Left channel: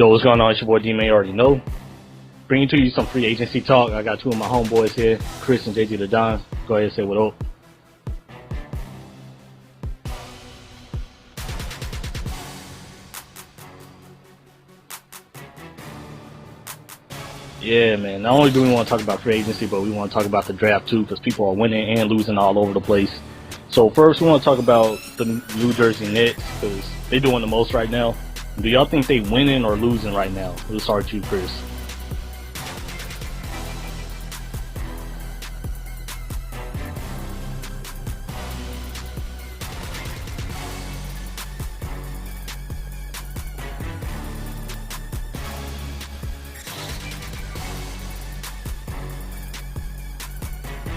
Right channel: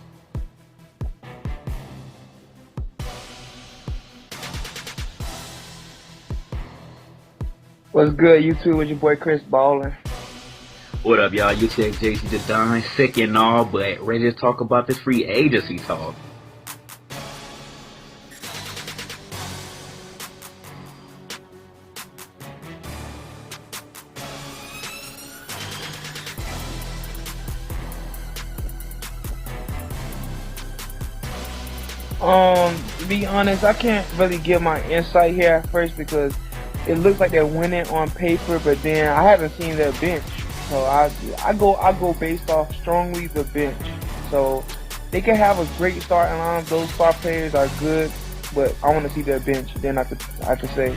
Yo, what's going on? It's your boy D-Man, you already know. Bringing to you some free agency talk. I got two of my homeboys here, Chris and JGtheDon. Go ahead and say what up. What's good, YouTube? It's your boy KrisBallin. What up, y'all? You said JGtheDon, sick and all, but ready to talk about this free agency talk. Yeah, man. Not only do we want to talk about free agency, but we want to talk about the draft too, because people are winning and losing all over the place. So first, we want to talk about the New Jersey Nets, because they're doing the most right now. Do y'all think they winning or losing right now? We'll start with you, Chris. To be honest, I can't really give my insight here at first because it looks like they're winning on paper, but then I haven't seen their bench. So I go based off strongly the bench. So they can have a great starting line. Those star players are good, but I want to see their bench. Then I could say.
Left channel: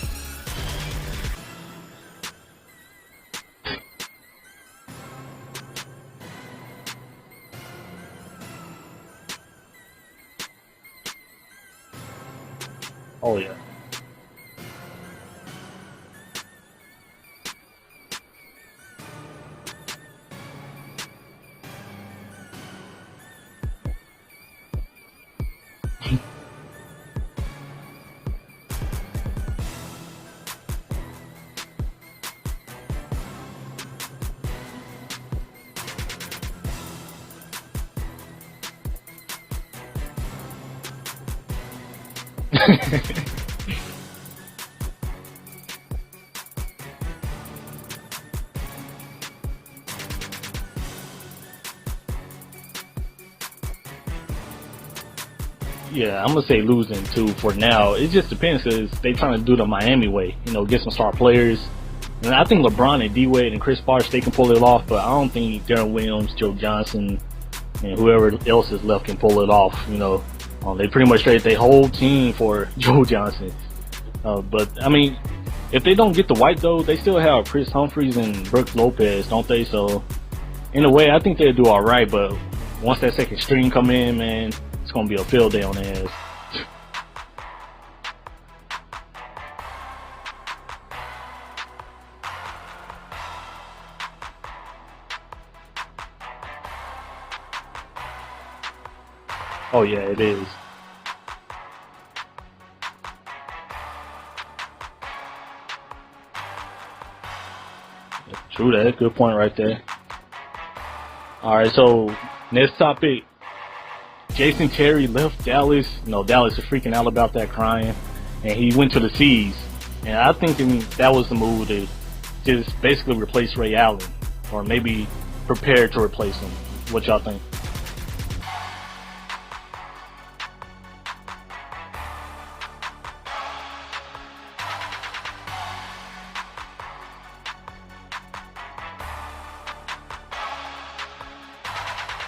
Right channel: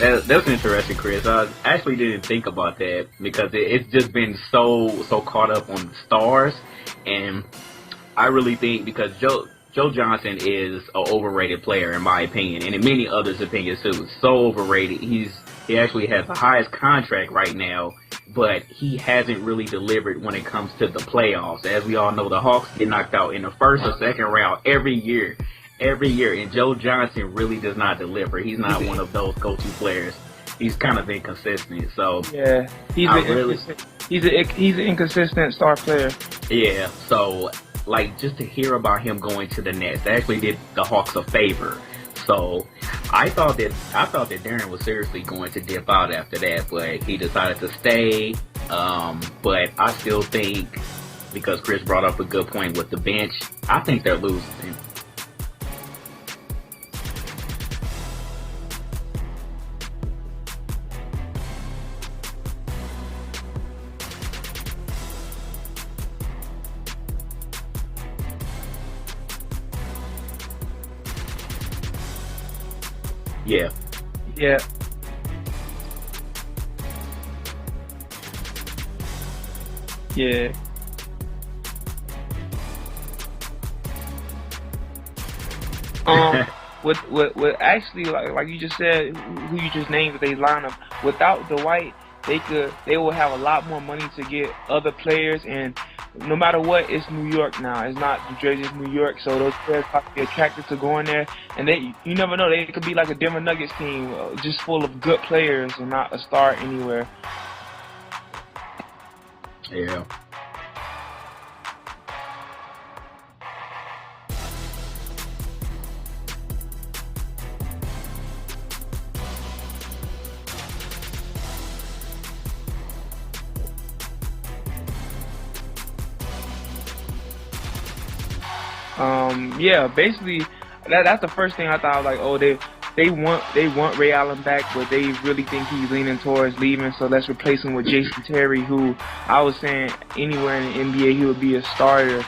That's interesting, Chris. I actually didn't think about that because it's just been so caught up on the stars, and I really think because Joe Johnson is an overrated player in my opinion, and in many others' opinions too. So overrated. He actually has the highest contract right now, but he hasn't really delivered when it comes to the playoffs. As we all know, the Hawks get knocked out in the first or second round every year, and Joe Johnson really does not deliver. He's not one of those go-to players. He's kind of inconsistent. So yeah, he's an inconsistent star player. Yeah, so like just to hear about him going to the Nets actually did the Hawks a favor. So I thought that Darren was seriously going to dip out after that, but he decided to stay. But I still think, because Chris brought up a good point with the bench, I think they're losing. Yeah, I'm going to say losing too for now. It just depends because they trying to do the Miami way, get some star players. And I think LeBron and D-Wade and Chris Bosh, they can pull it off, but I don't think Darren Williams, Joe Johnson, and whoever else is left can pull it off, They pretty much traded their whole team for Joe Johnson. Yeah. But, I mean, if they don't get the white, though, they still have Chris Humphries and Brooks Lopez, don't they? So, yeah, in a way, I think they'll do all right, but once that second string come in, man, it's going to be a field day on there. With actually, like you just said, who you just named, they line up, without the white, they will have a lot more money to get other players, and no matter what, it's New York now. It's not New Jersey, it's New York. So those players get attracted to going there, and you never know, they could be like a Denver Nuggets team, just full of good players and not a star anywhere. True that. Good point right there. Yeah. All right, so next topic. Jason Terry left Dallas. Dallas is freaking out about that, crying, and he went to the Seas. And I think that was the move to just basically replace Ray Allen, or maybe prepare to replace him. What y'all think? Yeah, basically, that's the first thing I thought. Like, oh, they want Ray Allen back, but they really think he's leaning towards leaving. So let's replace him with Jason Terry, who I was saying anywhere in the NBA he would be a starter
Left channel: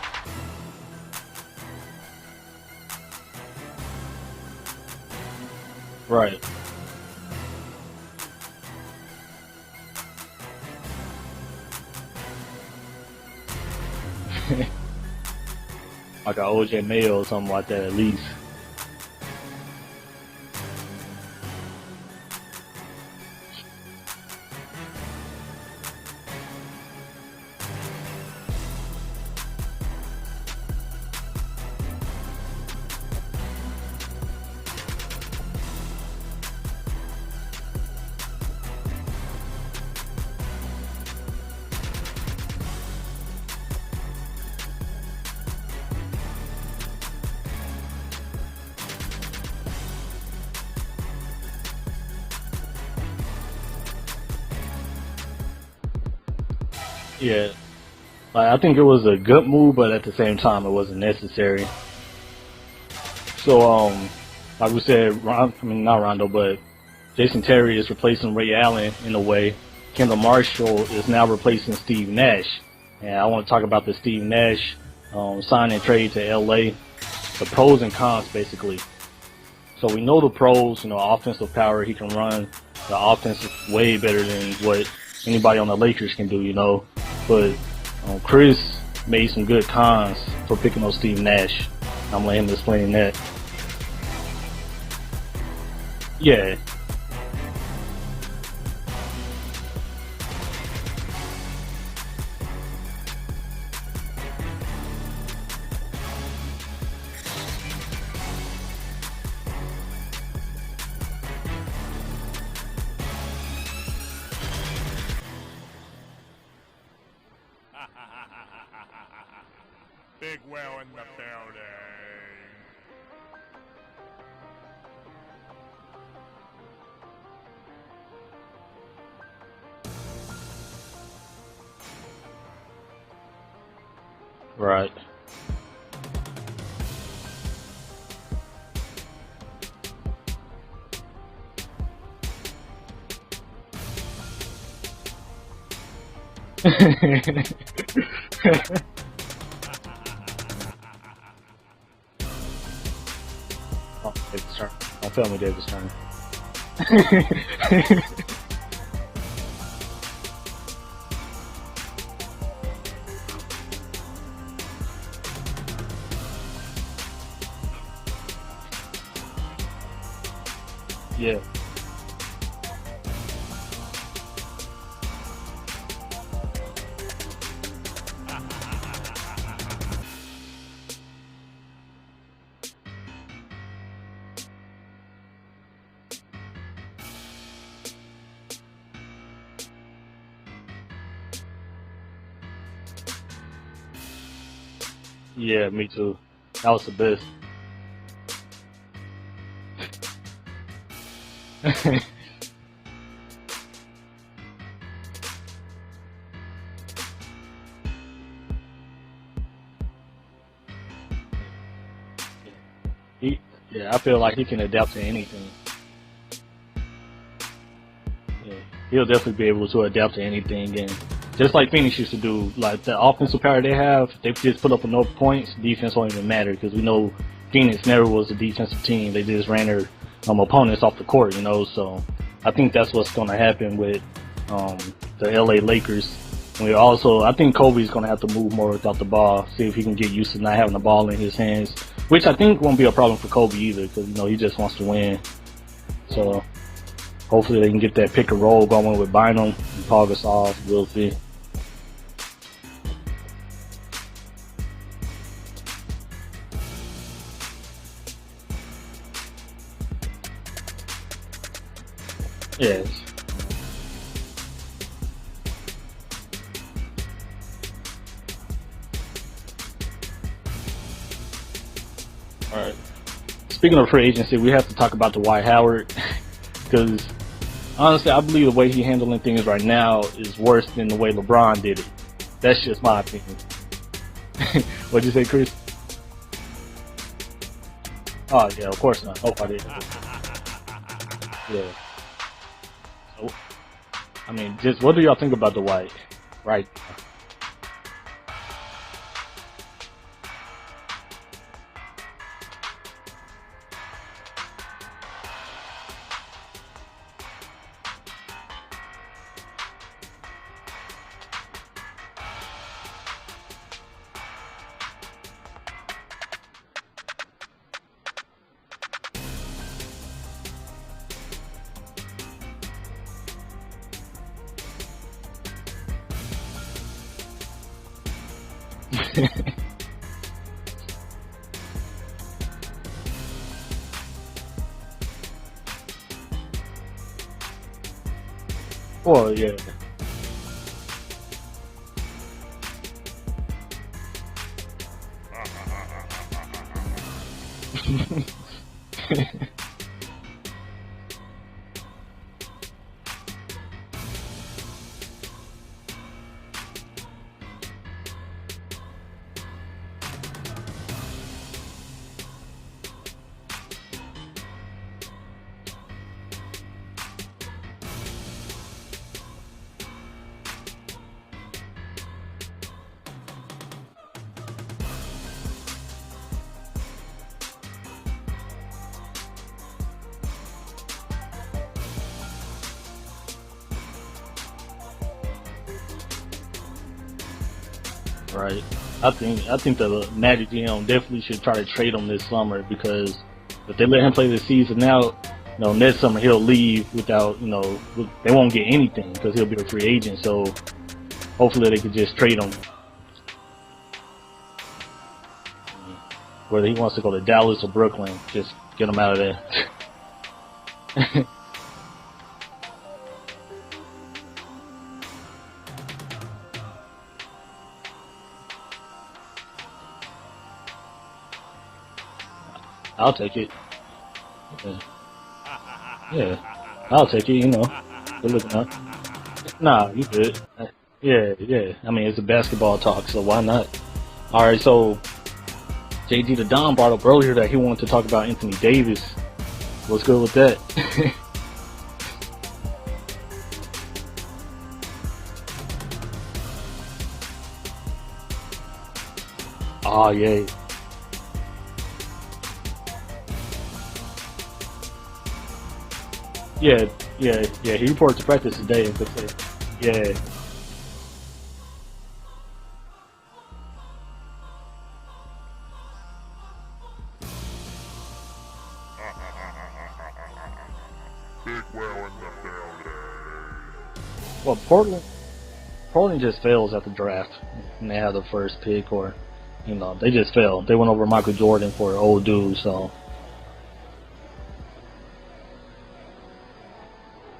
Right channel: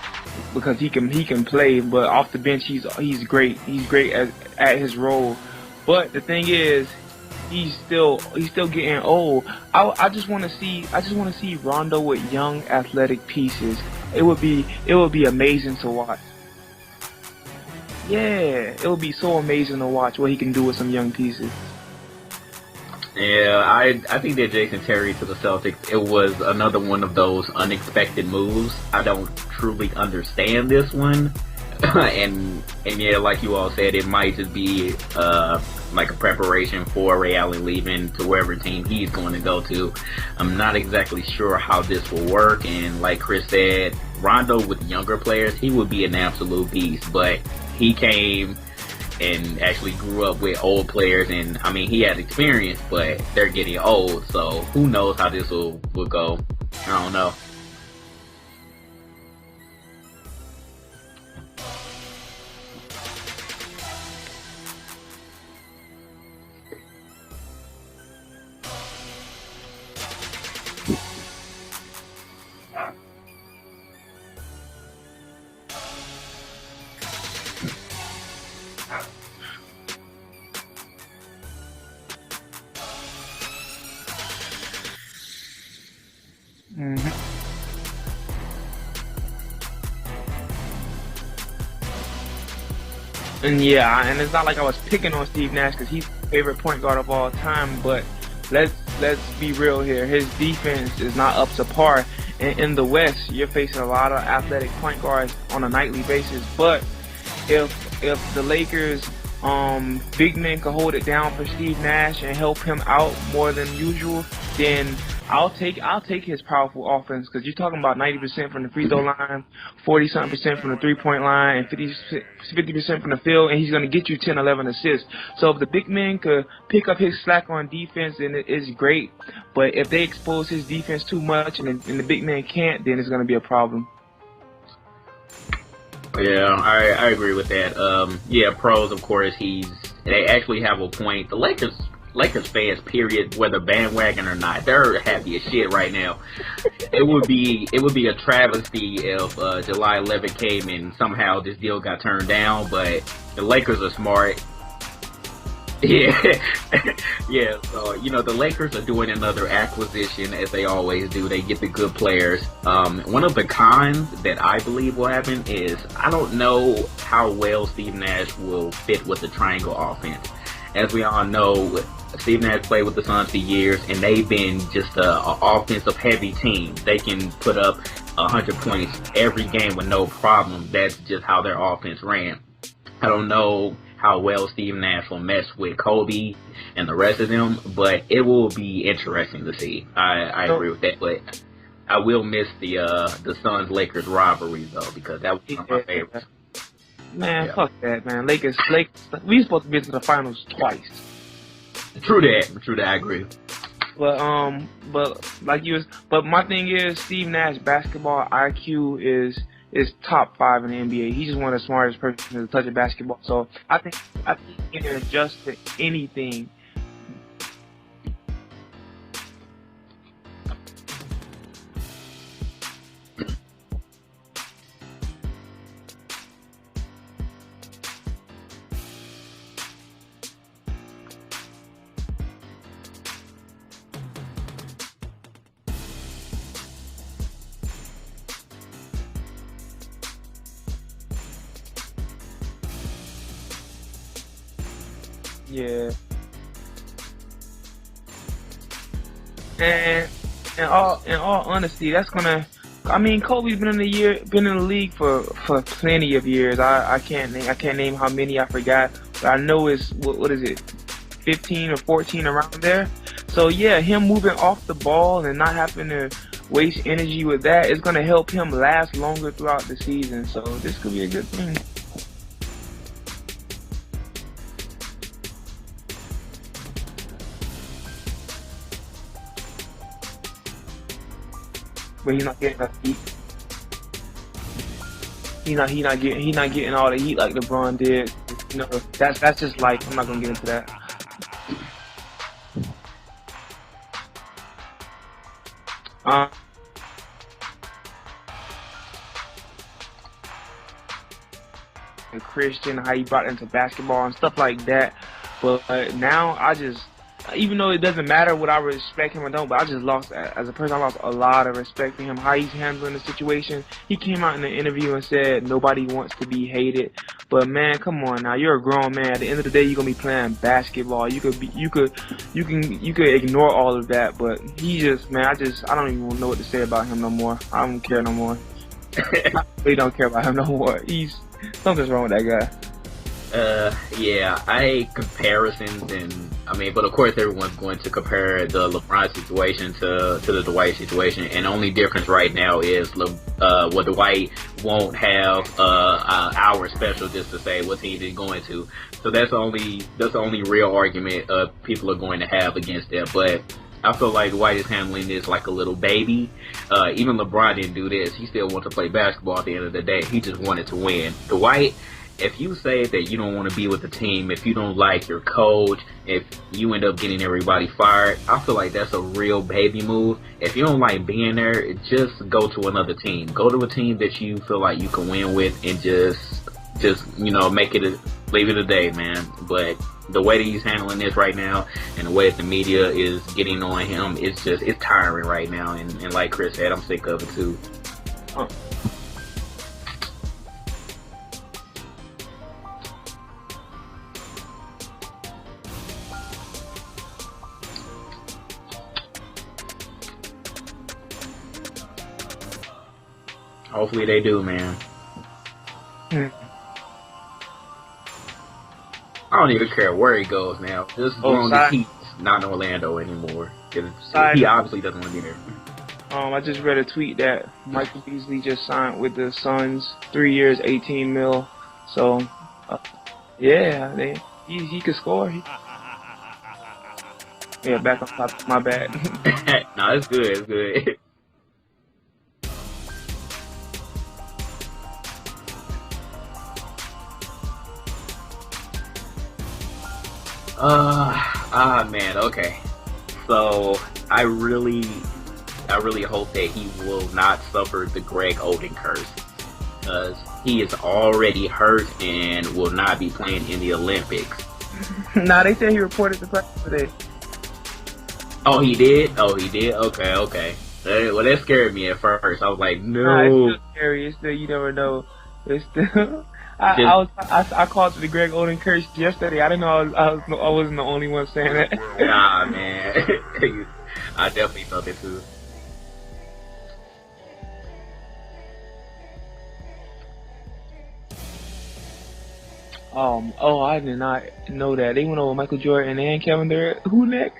because he can play. But off the bench, he's great. He's great at his role. But the thing is, he's still getting old. I just want to see Rondo with young athletic pieces. It would be amazing to watch. Like an OJ Mayo or something like that at least. Yeah, it would be so amazing to watch what he can do with some young pieces. Yeah, I think that Jason Terry to the Celtics, it was another one of those unexpected moves. I don't truly understand this one. and yeah, like you all said, it might just be like a preparation for Ray Allen leaving to wherever team he's going to go to. I'm not exactly sure how this will work, and like Chris said, Rondo with younger players, he would be an absolute beast, but he came and actually grew up with old players, and I mean, he has experience, but they're getting old, so who knows how this will go. I don't know. Yeah. I think it was a good move, but at the same time, it wasn't necessary. So, like we said, not Rondo, but Jason Terry is replacing Ray Allen in a way. Kendall Marshall is now replacing Steve Nash. And I want to talk about the Steve Nash sign and trade to LA. The pros and cons, basically. So we know the pros, offensive power. He can run the offense way better than what anybody on the Lakers can do, But Chris made some good cons for picking on Steve Nash. I'm letting him explain that. And it's not like I was picking on Steve Nash because he's my favorite point guard of all time, but let's be real here. His defense is not up to par, And in the West, you're facing a lot of athletic point guards on a nightly basis. But if the Lakers big men can hold it down for Steve Nash and help him out more than usual, then I'll take his powerful offense, because you're talking about 90% from the free throw line, 40-something% from the three-point line, and 50% from the field, and he's going to get you 10, 11 assists. So if the big men could pick up his slack on defense, then it's great. But if they expose his defense too much and the big man can't, then it's going to be a problem. Right. Yeah, I agree with that. Yeah, pros, of course, they actually have a point. The Lakers fans, period, whether bandwagon or not, they're happy as shit right now. It would be a travesty if July 11th came and somehow this deal got turned down. But the Lakers are smart. My family did this. Yeah, yeah. So, the Lakers are doing another acquisition, as they always do. They get the good players. One of the cons that I believe will happen is I don't know how well Steve Nash will fit with the triangle offense. As we all know, Steve Nash played with the Suns for years, and they've been just an offensive-heavy team. They can put up 100 points every game with no problem. That's just how their offense ran. I don't know how well Steve Nash will mesh with Kobe and the rest of them, but it will be interesting to see. I agree with that, but I will miss the Suns-Lakers rivalry, though, because that was one of my favorites. That was the best. Man, fuck that, man. Lakers, we supposed to be to the finals twice. True that, I agree. But my thing is, Steve Nash basketball IQ is top 5 in the NBA. He's just one of the smartest persons to touch a basketball. So I feel like he can adapt to anything. Yeah, he'll definitely be able to adapt to anything, and just like Phoenix used to do, like the offensive power they have, they just put up enough points. Defense won't even matter, because we know Phoenix never was a defensive team. They just ran their opponents off the court, So I think that's what's going to happen with the LA Lakers. And I think Kobe's going to have to move more without the ball, see if he can get used to not having the ball in his hands, which I think won't be a problem for Kobe either, because he just wants to win. Yeah. So hopefully they can get that pick and roll going with Bynum, Paul Gasol. In all honesty, that's gonna. I mean, Kobe's been in the league for plenty of years. I can't name how many, I forgot, but I know it's what is it, 15 or 14 around there. So yeah, him moving off the ball and not having to waste energy with that is gonna help him last longer throughout the season. So this could be a good thing. All right. Speaking of free agency, we have to talk about Dwight Howard, because honestly, I believe the way he's handling things right now is worse than the way LeBron did it. That's just my opinion. What'd you say, Chris? He not getting all the heat like LeBron did. Oh yeah, of course. That's just like, I'm not gonna get into that. Yeah. So, I mean, just what do y'all think about Dwight? Right. And Christian, how he brought into basketball and stuff like that. But now even though it doesn't matter what I respect him or don't, but I just lost, as a person, I lost a lot of respect for him, how he's handling the situation. He came out in the interview and said nobody wants to be hated. But man, come on now, you're a grown man. At the end of the day, you're gonna be playing basketball. You could ignore all of that, but he just, man, I don't even know what to say about him no more. I don't care no more. I really don't care about him no more. Something's wrong with that guy. Yeah, comparisons, and but of course everyone's going to compare the LeBron situation to the Dwight situation, and only difference right now is Dwight won't have our special just to say what team he's going to. So that's the only real argument people are going to have against that. But I feel like Dwight is handling this like a little baby. Even LeBron didn't do this. He still wants to play basketball at the end of the day. He just wanted to win. Dwight, if you say that you don't want to be with the team, if you don't like your coach, if you end up getting everybody fired, I feel like that's a real baby move. If you don't like being there, just go to another team. Go to a team that you feel like you can win with, and just leave it a day, man. But the way that he's handling this right now, and the way that the media is getting on him, it's tiring right now. And like Chris said, I'm sick of it too. Right. I think the Magic GM definitely should try to trade him this summer, because if they let him play this season now, next summer he'll leave without, they won't get anything because he'll be a free agent. So hopefully they could just trade him. Hopefully they do, man. Whether he wants to go to Dallas or Brooklyn, just get him out of there. I don't even care where he goes now. Just as long as he's not in Orlando anymore. He obviously doesn't want to be there. I just read a tweet that Michael Beasley just signed with the Suns, 3 years, $18 million. So I'll take it. Yeah, he could score. Yeah, I'll take it. You know. Yeah, back on my bad. Nah, it's good. It's good. Yeah. I mean, it's a basketball talk, so why not? All right, so JGtheDon brought up earlier that he wanted to talk about Anthony Davis. What's good with that? Man, okay. So I really hope that he will not suffer the Greg Oden curse. Oh yeah. He is already hurt and will not be playing in the Olympics. Nah, they said he reported to practice. Yeah. He reported to practice. Oh, he today. did. Okay. Well, that scared me at first. I was like, no. Nah, it's still scary. It's still, you never know. It's still. I called it the Greg Oden curse yesterday. I didn't know I wasn't the only one saying that. Nah, man. I definitely felt it too. Portland just fails at the draft, and they have the first pick, or they just failed. They went over Michael Jordan for an old dude. So. I did not know that. They went over Michael Jordan and Kevin Durant. Who next?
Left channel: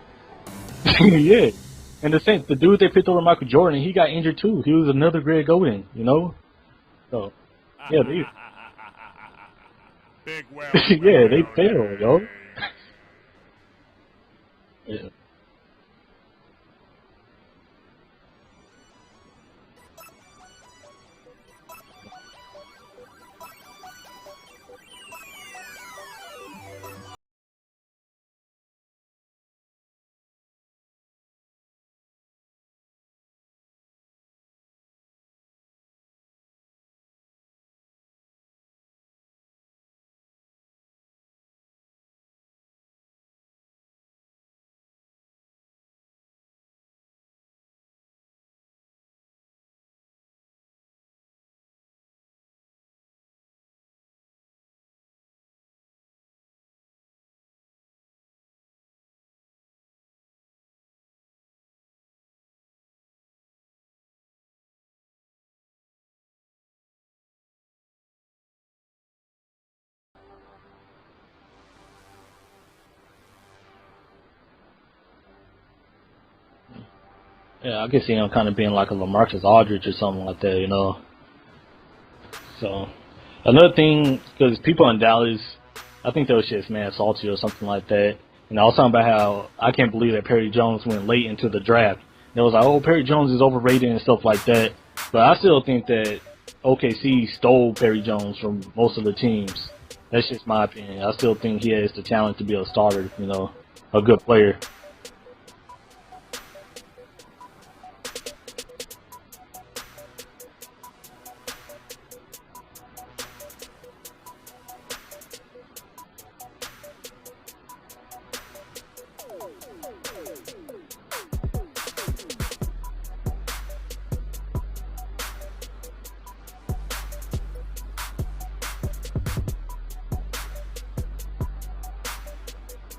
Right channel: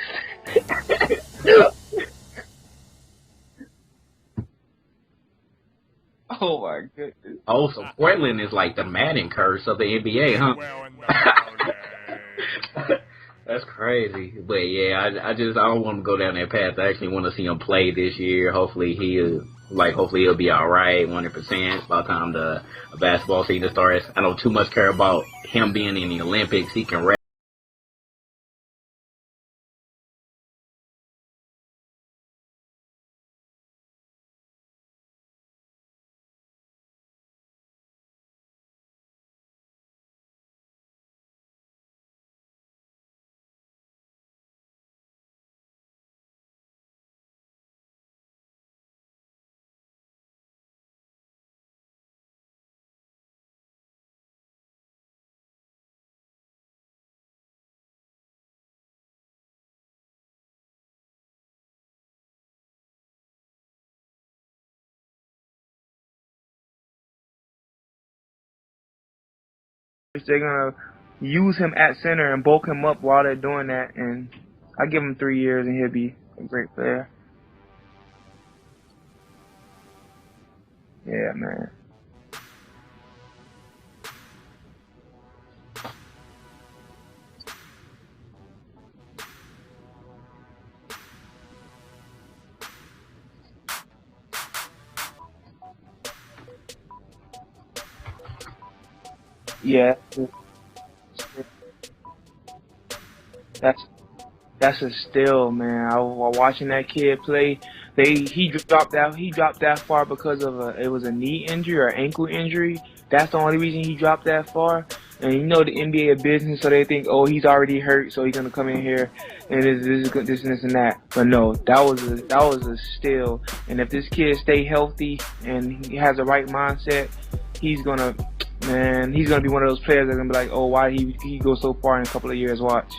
Yeah. And the dude they picked over Michael Jordan, he got injured too. He was another Greg Oden, Oh my goodness. So Portland is like the Madden curse of the NBA, huh? Yeah, they failed, yo. That's crazy. But yeah, I don't want to go down that path. I actually want to see him play this year. Hopefully he'll be alright, 100% by the time the basketball season starts. I don't too much care about him being in the Olympics. He can rap. They're gonna use him at center and bulk him up while they're doing that, and I give him 3 years and he'll be a great player. Yeah, I can see him kind of being like a LaMarcus Aldridge or something like that, Yeah, man. So, another thing, because people in Dallas, I think they was just mad salty or something like that. I was talking about how I can't believe that Perry Jones went late into the draft. They was like, oh, Perry Jones is overrated and stuff like that. But I still think that OKC stole Perry Jones from most of the teams. Yeah. That's just my opinion. I still think he has the talent to be a starter, That's a good player. That's a steal, man. I was watching that kid play. He dropped that far because of it was a knee injury or ankle injury. That's the only reason he dropped that far. And the NBA is business, so they think, oh, he's already hurt, so he's gonna come in here and this and that. But no, that was a steal. And if this kid stay healthy and he has the right mindset, he's gonna be one of those players that's gonna be like, oh, why did he go so far in a couple of years? Watch.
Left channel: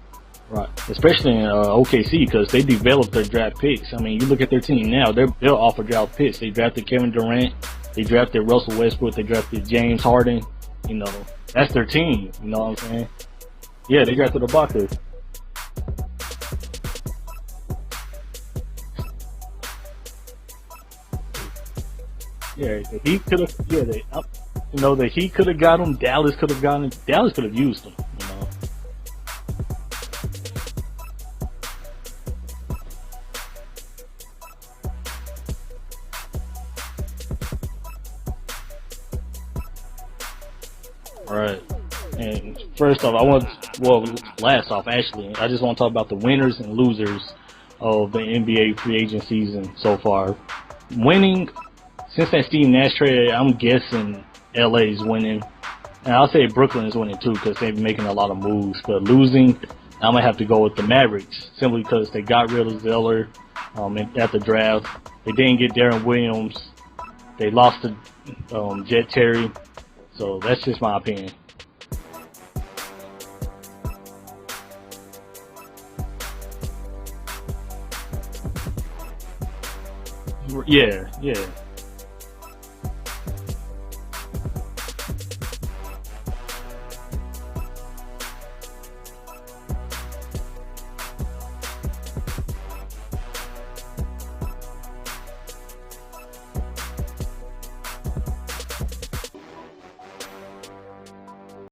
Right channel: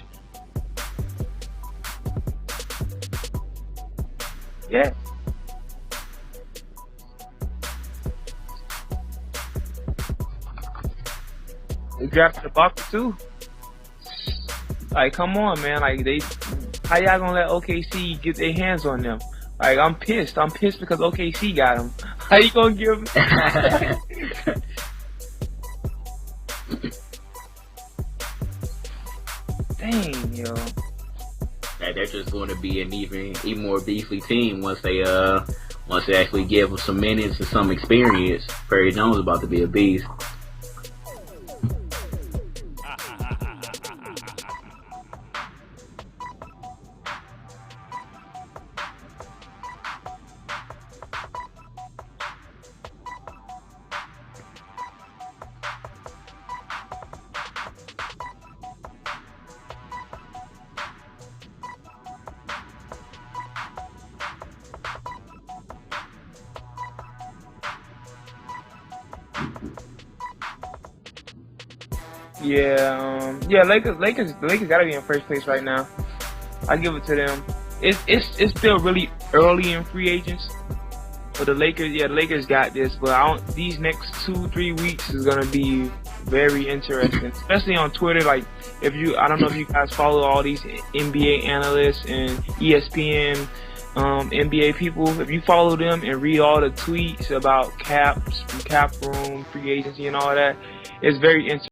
Right, especially in OKC because they developed their draft picks. I mean, you look at their team now; they're built off of draft picks. They drafted Kevin Durant, they drafted Russell Westbrook, they drafted James Harden. That's their team. They drafted the Bucks too. Yeah, they drafted the Bucks. Like, come on, man! Like, how y'all gonna let OKC get their hands on them? Like, I'm pissed. I'm pissed because OKC got him. How you gonna give him? The Heat could have got him. Dallas could have gotten him. Dallas could have used him. Dang, yo. They're just going to be an even more beefy team once they actually give him some minutes and some experience. Perry Jones is about to be a beast. All right. And first off, last off, actually, I just want to talk about the winners and losers of the NBA free agent season so far. Winning, since that Steve Nash trade, I'm guessing LA is winning. And I'll say Brooklyn is winning too because they've been making a lot of moves. But losing, I'm going to have to go with the Mavericks simply because they got rid of Zeller at the draft. They didn't get Darren Williams. They lost to Jet Terry. So that's just my opinion. Yeah, Lakers got to be in first place right now. I give it to them. it's still really early in free agents. Yeah. But the Lakers got this. But these next 2-3 weeks is gonna be very interesting, especially on Twitter. Like, I don't know if you guys follow all these NBA analysts and ESPN, NBA people. If you follow them and read all the tweets about cap room, free agency, and all that, it's very interesting.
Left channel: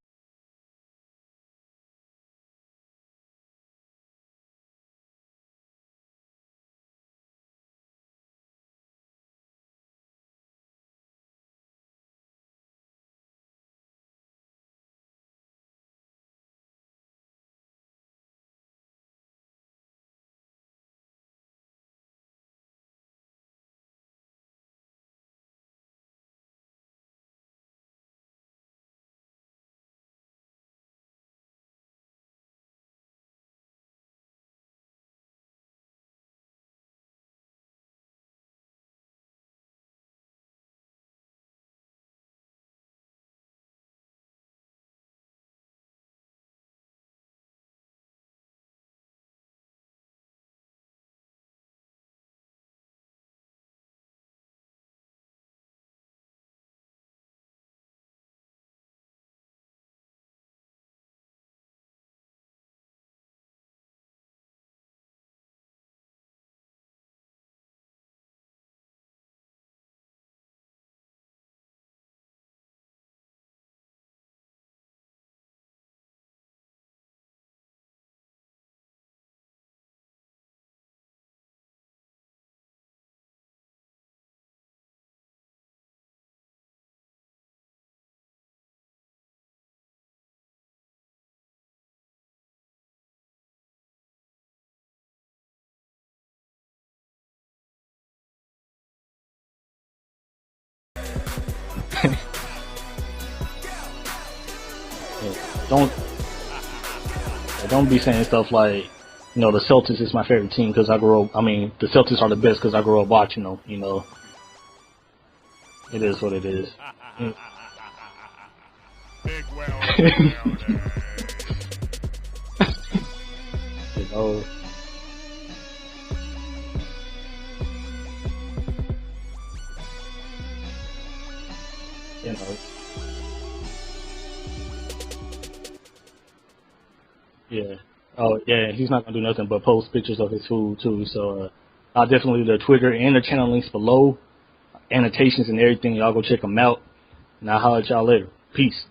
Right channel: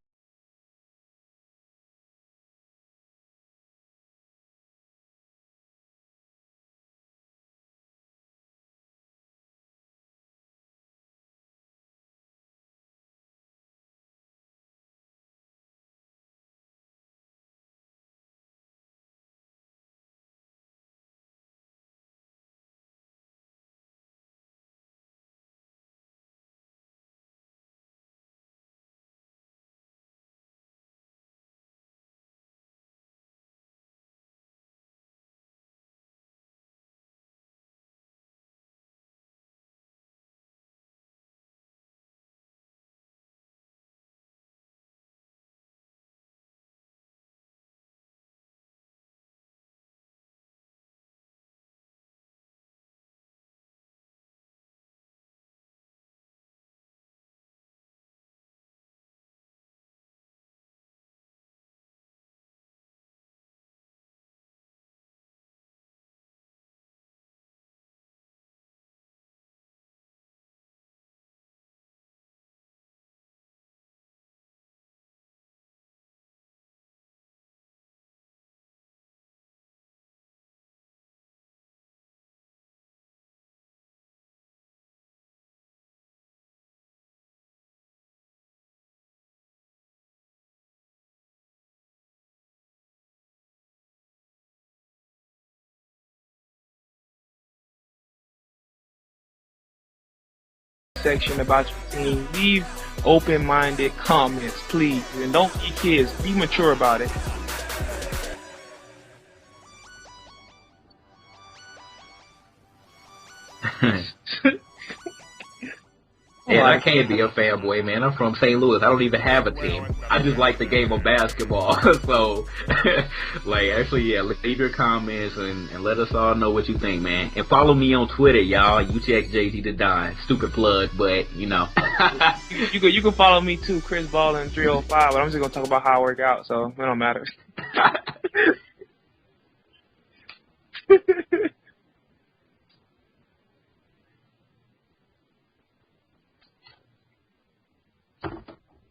Section about your team. Leave open-minded comments, please, and don't be kids. Be mature about it. Don't be saying stuff like, the Celtics is my favorite team because I grew up. I mean, the Celtics are the best because I grew up watching them. It is what it is. Yeah, I can't be a fanboy, man. I'm from St. Louis. I don't even have a team. I just like the game of basketball. So, leave your comments and let us all know what you think, man. And follow me on Twitter, y'all. You check JGtheDon. Stupid plug, but you can follow me too, KrisBallin 305. But I'm just gonna talk about how I work out, so it don't matter. Yeah. Oh, yeah. He's not gonna do nothing but post pictures of his food too. So, I'll definitely leave the Twitter and the channel links below. Annotations and everything. Y'all go check them out. And I'll holler at y'all later. Peace.